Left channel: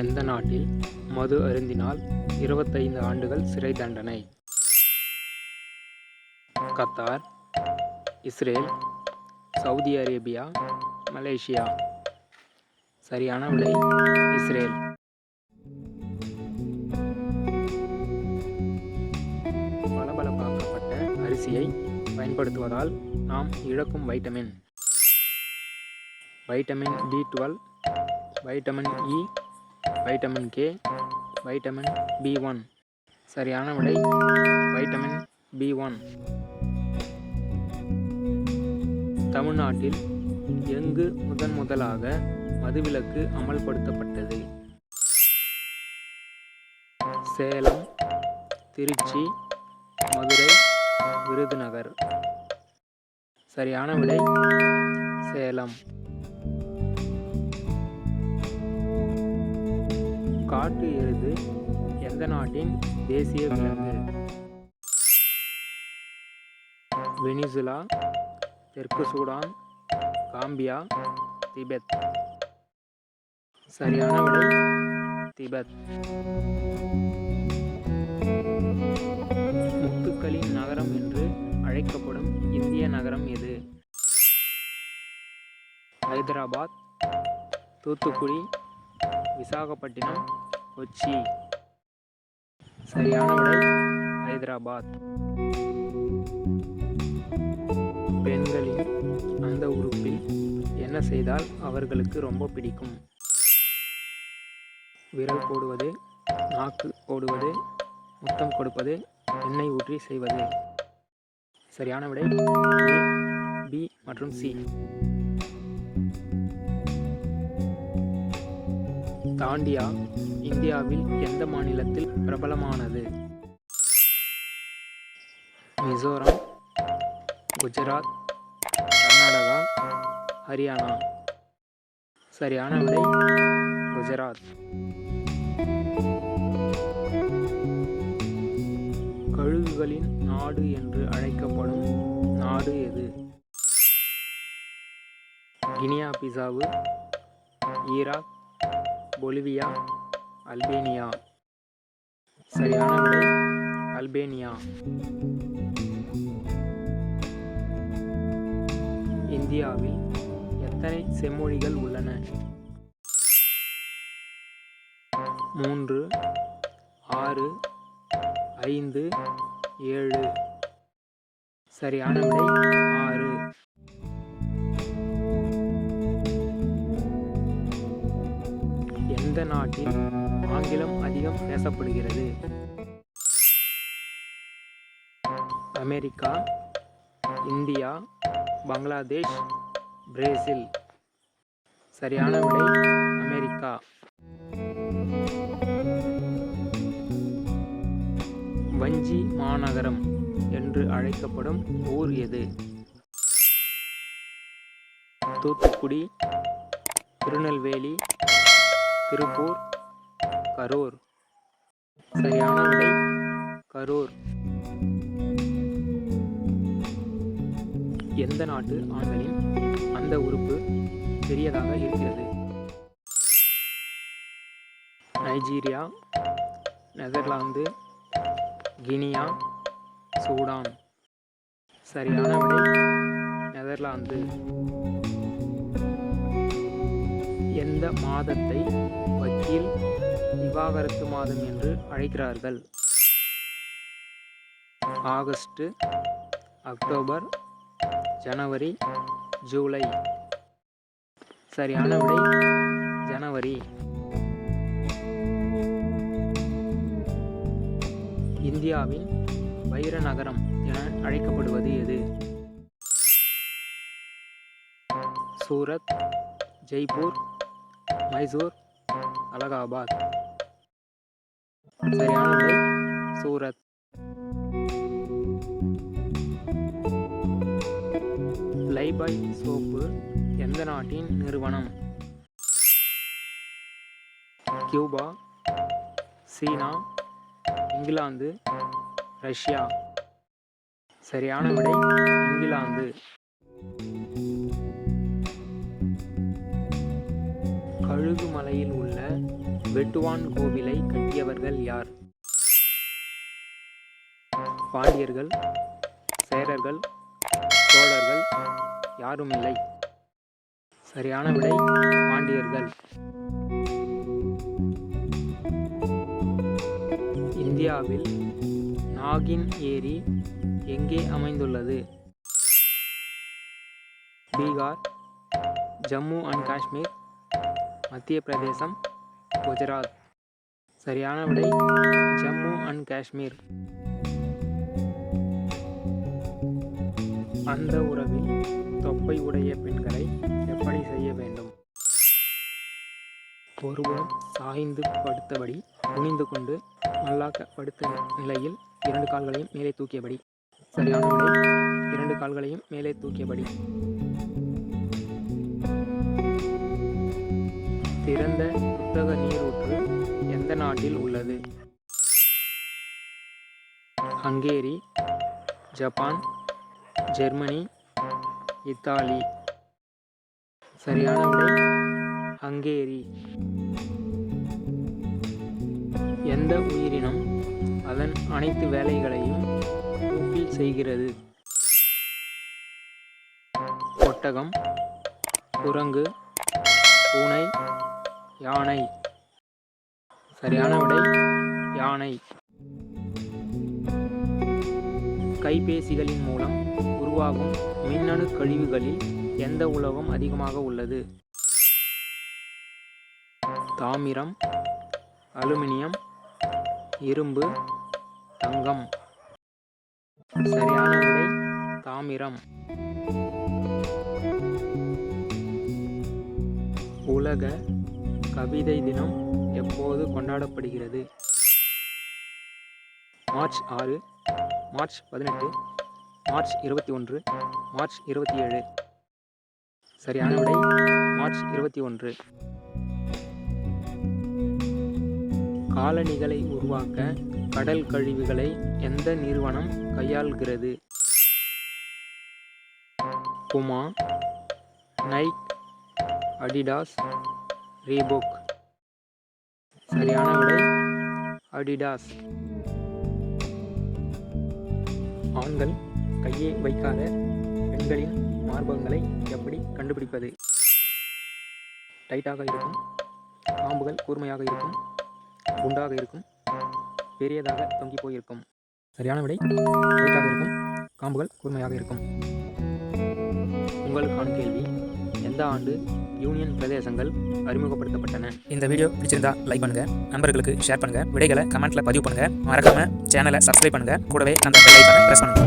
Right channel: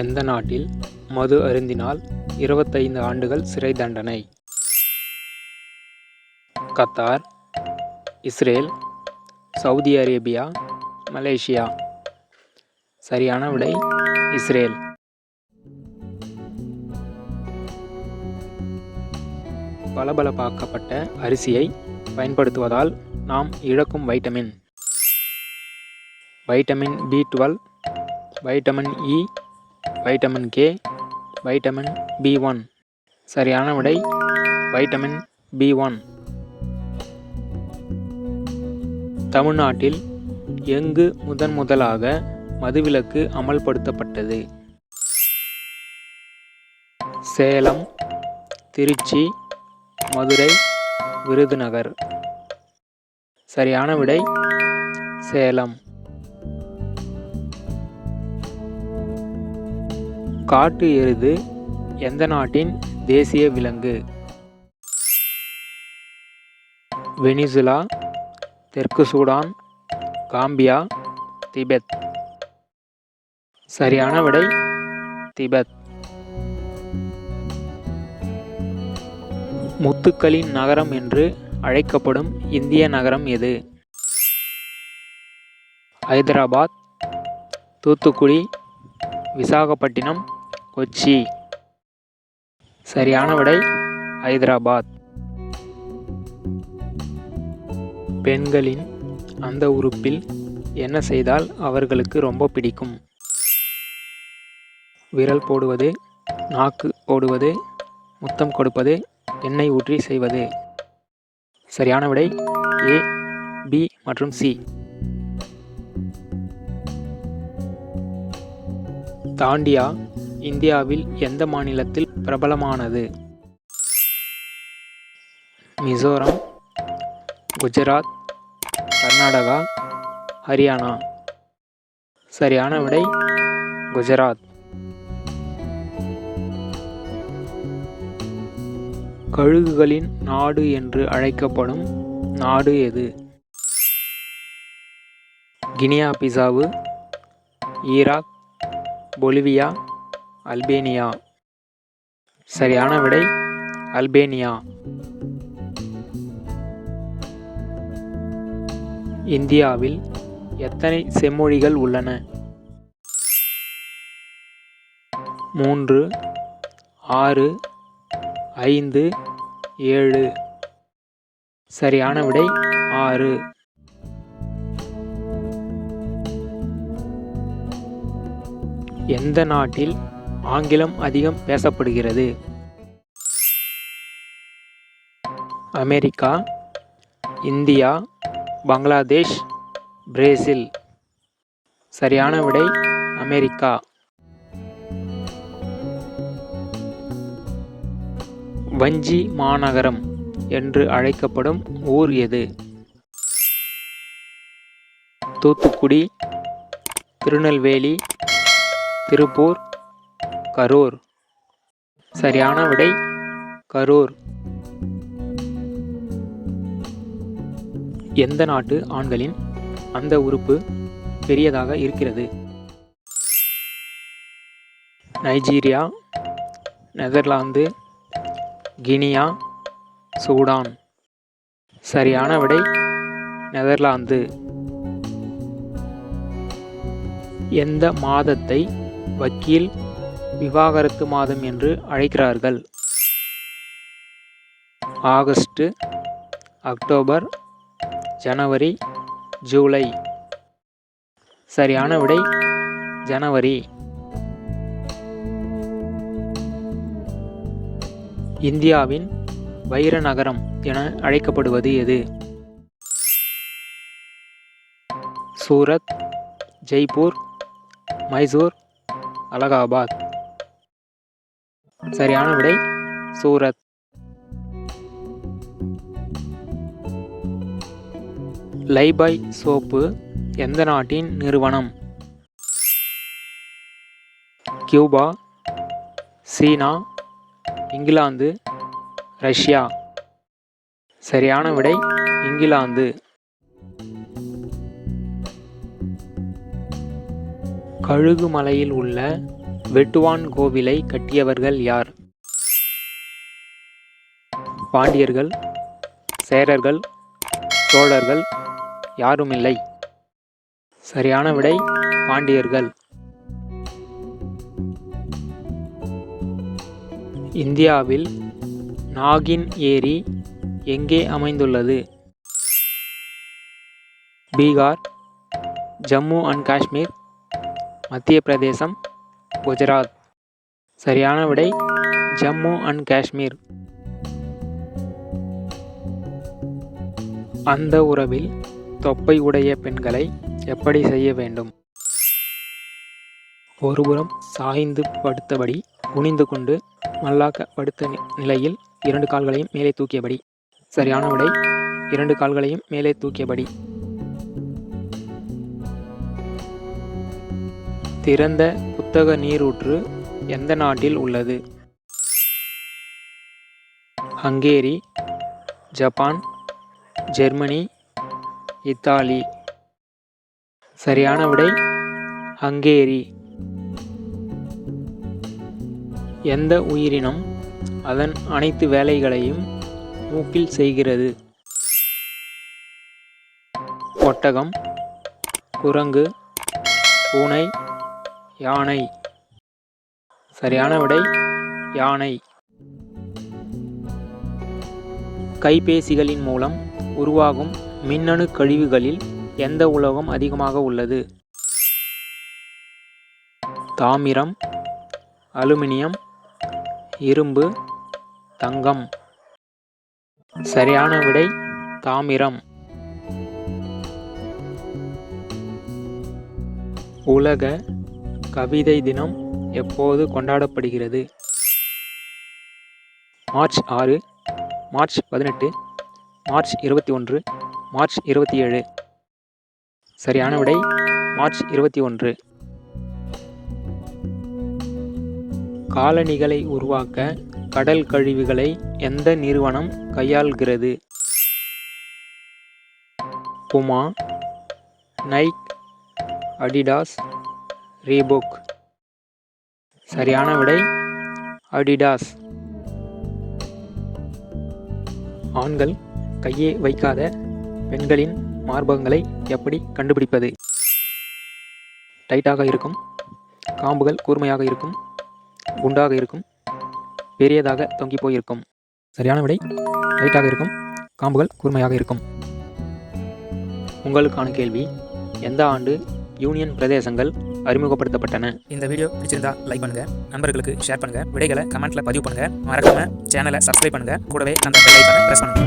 எந்த நாட்டில் மது அருந்தினால் 25 ஆண்டுகள் சிறை தண்டனை? Qatar, Israel, Saudi Arabia, Malaysia. சரியான விடை இஸ்ரேல். பளபளப்பாக்கப்பட்ட அரிசியை பயன்படுத்துவதால் நாம் இழக்கும் vitamin. Vitamin B12, vitamin E, vitamin K, vitamin B1. சரியான விடை வைட்டமின் B1. தமிழ்நாட்டில் எங்கு முதலாக மதுவிலக்கு அமல்படுத்தப்பட்டது? சேலம், திருச்சி, மதுரை, விருதுநகர். சரியான விடை சேலம். காட்டு எருது எந்த நாட்டின் தேசிய விலங்கு? வெனிசுலா, தெற்கு சூடான், காம்பியா, திபெத். சரியான விடை திபெத். முத்துக்களின் நகரம் என்று அழைக்கப்படும் இந்திய நகரம் எது? ஹைதராபாத், தூத்துக்குடி, விசாகப்பட்டினம், கொச்சி. சரியான விடை ஹைதராபாத். பெண்களின் அந்த உறுப்பில் என்ன செய்தால் அவர்களுக்கு ரொம்ப பிடிக்கும்? விரல் போடுவது, நாக்கு போடுவது, முத்தம் கொடுப்பது, எண்ணெய் ஊற்றி செய்வது. சரியான விடை A, B மற்றும் C. தாண்டியா இந்தியாவில் எந்த மாநிலத்தில் பிரபலமானது? மிசோரம், குஜராத், கர்நாடகா, ஹரியானா. சரியான விடை குஜராத். கழுகுகளின் நாடு என்று அழைக்கப்படும் நாடு எது? Guinea Bissau, Iraq, Bolivia, Albania. சரியான விடை அல்பேனியா. இந்தியாவில் எத்தனை செம்மொழிகள் உள்ளன? 3, 6, 5, 7. சரியான விடை 6. எந்த நாட்டில் ஆங்கிலம் அதிகம் பேசப்படுகிறது? America, India, Bangladesh, Brazil. சரியான விடை அமெரிக்கா. வஞ்சி மாநகரம் என்று அழைக்கப்படும் ஊர் எது? தூத்துக்குடி, திருநெல்வேலி, திருப்பூர், கரூர். சரியான விடை கரூர். எந்த நாட்டு ஆண்களின் அந்த உறுப்பு பெரியதாக இருக்கிறது? Nigeria, Netherlands, Guinea, Sudan. சரியான விடை நெதர்லாந்து. எந்த மாதத்தை வக்கீல் விவாகரத்து மாதம் என்று அழைக்கிறார்கள்? ஆகஸ்ட், அக்டோபர், ஜனவரி, ஜூலை. சரியான விடை ஜனவரி. இந்தியாவின் வைர நகரம் என அழைக்கப்படுவது எது? சூரத், ஜெய்ப்பூர், மைசூர், அலகாபாத். சரியான விடை சூரத். லைபாய் சோப்பு எந்த நாட்டின் நிறுவனம்? கியூபா, சீனா, இங்கிலாந்து, ரஷ்யா. சரியான விடை இங்கிலாந்து. கழுகுமலையில் உள்ள வெட்டுவான் கோவிலை கட்டியவர்கள் யார்? பாண்டியர்கள், சேரர்கள், சோழர்கள், யாருமில்லை. சரியான விடை பாண்டியர்கள். இந்தியாவில் நாகின் ஏரி எங்கே அமைந்துள்ளது? பீகார், ஜம்மு அண்ட் காஷ்மீர், மத்திய பிரதேசம், குஜராத். சரியான விடை ஜம்மு அண்ட் காஷ்மீர். அந்த உறவில் தொப்பை உடைய பெண்களை எப்படி செய்ய வேண்டும்? ஒருபுறம் சாய்ந்து படுத்தபடி, குனிந்து கொண்டு, மல்லாக்க படுத்த நிலையில் 2 கால்களையும் மேலே தூக்கியபடி. சரியான விடை 2 கால்களையும் மேலே தூக்கியபடி. திறந்த புத்தக நீரூற்று எந்த நாட்டில் உள்ளது? Hungary, Japan, Germany, Italy. சரியான விடை ஹங்கேரி. எந்த உயிரினம் அதன் அனைத்து வேலைகளையும் மூக்கில் செய்கிறது? ஒட்டகம், குரங்கு, பூனை, யானை. சரியான விடை யானை. கைபேசிகளின் மூலம் உருவாகும் மின்னணு கழிவுகளில் எந்த உலோகம் அதிகமாக உள்ளது? தாமிரம், அலுமினியம், இரும்பு, தங்கம். சரியான விடை தாமிரம். உலக கவிதை தினம் எப்போது கொண்டாடப்படுகிறது? March 6, March 18, March 21, March 27. சரியான விடை மார்ச் 21. காலணிகளை உருவாக்க கடல் கழிவுகளை எந்த நிறுவனம் கையாள்கிறது? புமா, நைக், அடிடாஸ், ரீபோக். சரியான விடை அடிடாஸ். ஆண்கள் கையே வைக்காத பெண்களின் மார்பகங்களை எப்படி கண்டுபிடிப்பது? டைட்டாக இருக்கும், காம்புகள் கூர்மையாக இருக்கும், குண்டாக இருக்கும், பெரியதாக தொங்கி போயிருக்கும். சரியான விடை டைட்டாக இருக்கும், காம்புகள் கூர்மையாக இருக்கும். உங்களுக்கான கேள்வி, எந்த ஆண்டு யூனியன் பிரதேசங்கள் அறிமுகப்படுத்தப்பட்டன? இந்த வீடியோ பிடிச்சிருந்தா லைக் பண்ணுங்க, நண்பர்களுக்கு ஷேர் பண்ணுங்க, விடைகளை கமெண்ட்ல பதிவு பண்ணுங்க, மறக்காம சேனலை சப்ஸ்கிரைப் பண்ணுங்க, கூடவே அந்த பெல் ஐகானை பிரஸ் பண்ணுங்க.